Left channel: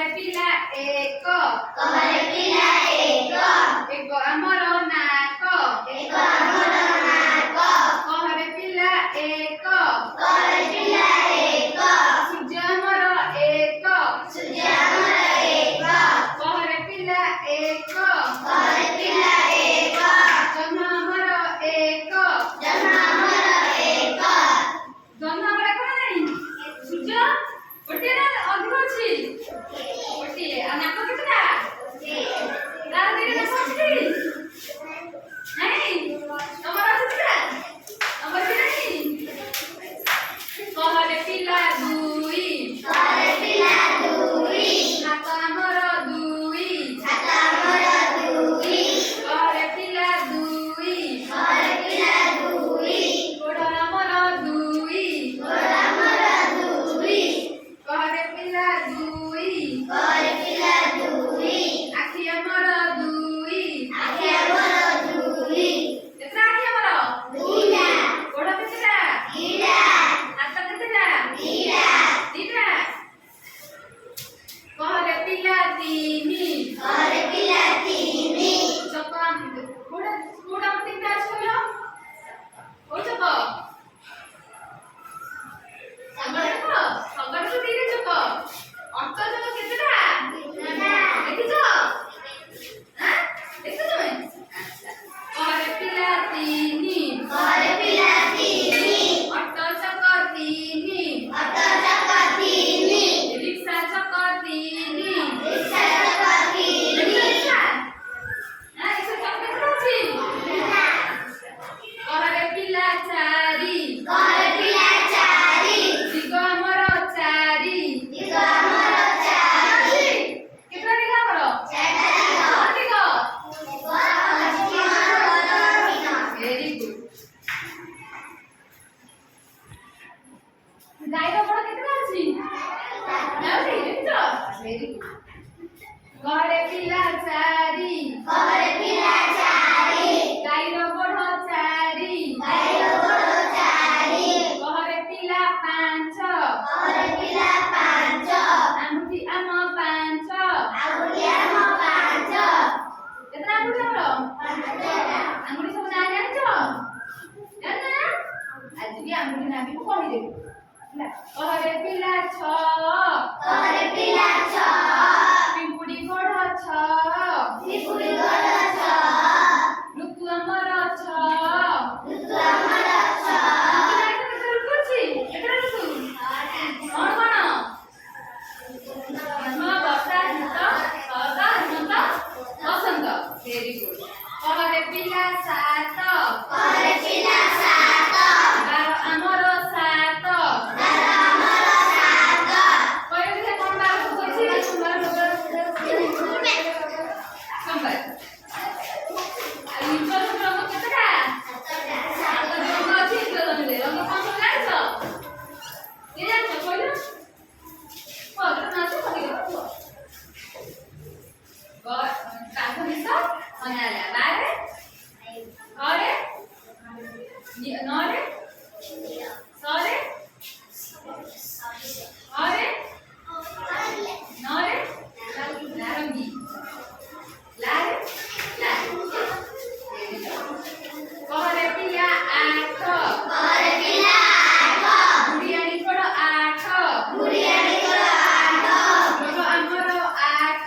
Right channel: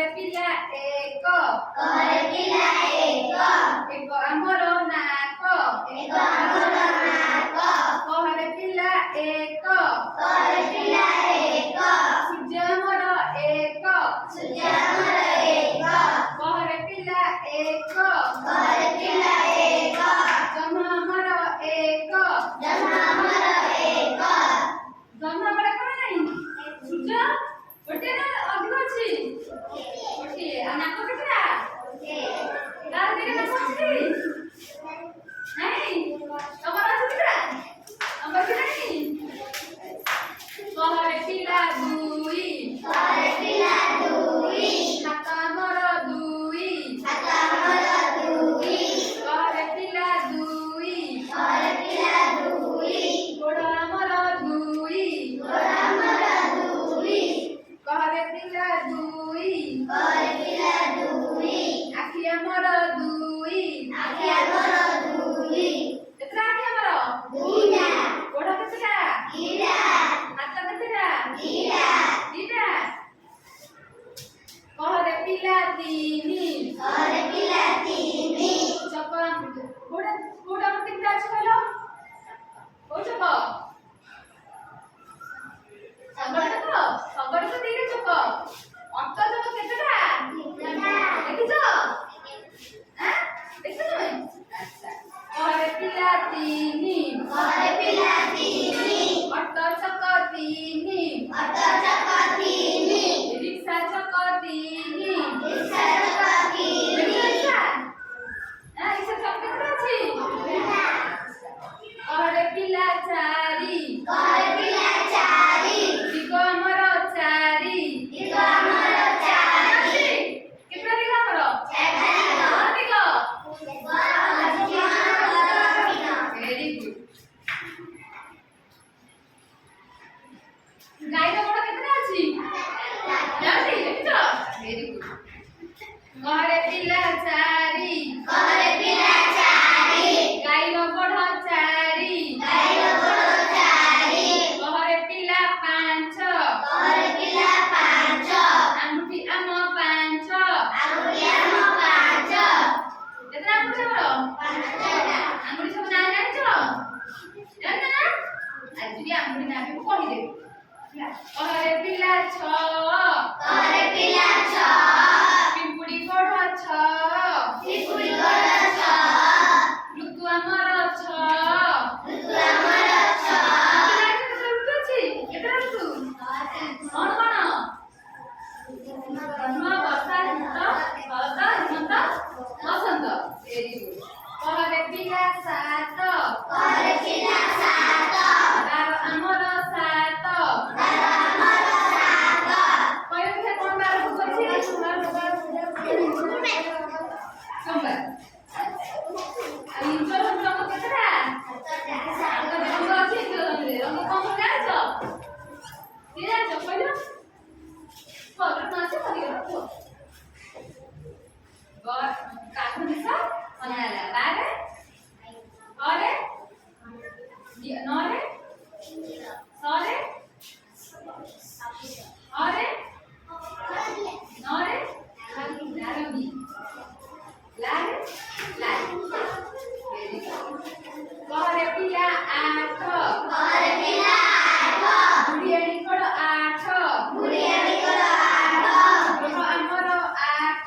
कहरे पिला एक एक आमर नाक कहरे पिला एक सूर्य आमर एक कहरे पिला एक जन्म आमर एक जन्म बड़ा कोन नहीं सूर्य गोटे ना अधिक अछि गोटे आ नाक केतरा तार दिने नाक अछि नहीं हमर केतरा हमर नहीं कहरे पिला दुई हाथ आमर दुई कहरे पिला दुई गोड़ आमर दुई कहरे पिला दुई आखि आमर दुई केतरा आखि आमर गोड़ केतरा हाथ केतरा दीटा कहरे पिला तीनी चका गोड़ तीनटा छलो ओ चक सबड़ तो तीन चक अट चक केतरा देखिछ हां देखिछ तुम अच्छा कहरे पिला तीनी अट चक तीनी रिक्शा चक तीनी रिक्शा हां रिक्शा चक केतरा अछि कहरे पिला चारी दिग आमर चारी केतरा दिग आमर दिग वेरी गुड गाय रो बड़ केतरा अछि जाउछि देखिछ वेरी गुड कहरे पिला चारी गाय रो बड़ चारी कहरे पिला पांच आंगुठी आम पांच केतना आंगुठी हमर आंगुठी सब ना जानिछ जाना आज भी आंगुठी ना भी कहि दे कहरे पिला छ पिंपुड़ी गोड़ छ ऋतु आमर छ केतरा ऋतु कौन कौन ग्रीष्म वर्षा शीत शरद हेमंत बसंत वेरी गुड कहरे पिला सात बार आमर सात कहि दे कोन बार होछि सोमवार इंद्र रंग केतरा रंग अछि इंद्र रंग कोन सब जानिछ के जानिछ कहलो पदर नाच पके रखो गॉड काठो मिसा अनाला बारे अरे नरे सरे अरे नरे नारंगी लारे कहरे पिला आठ बुढ़ियानी कोड़ आठ गोड़ आमर आठ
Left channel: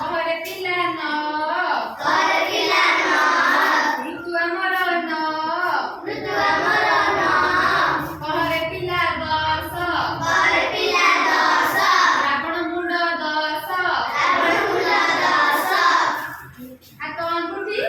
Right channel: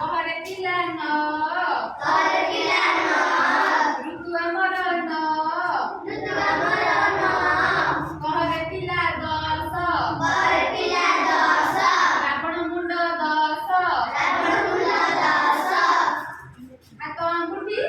कहरे पिला नौ ऋतु आमर नौ कहरे पिला दस रावण मुंड दस हाथ आंगुठी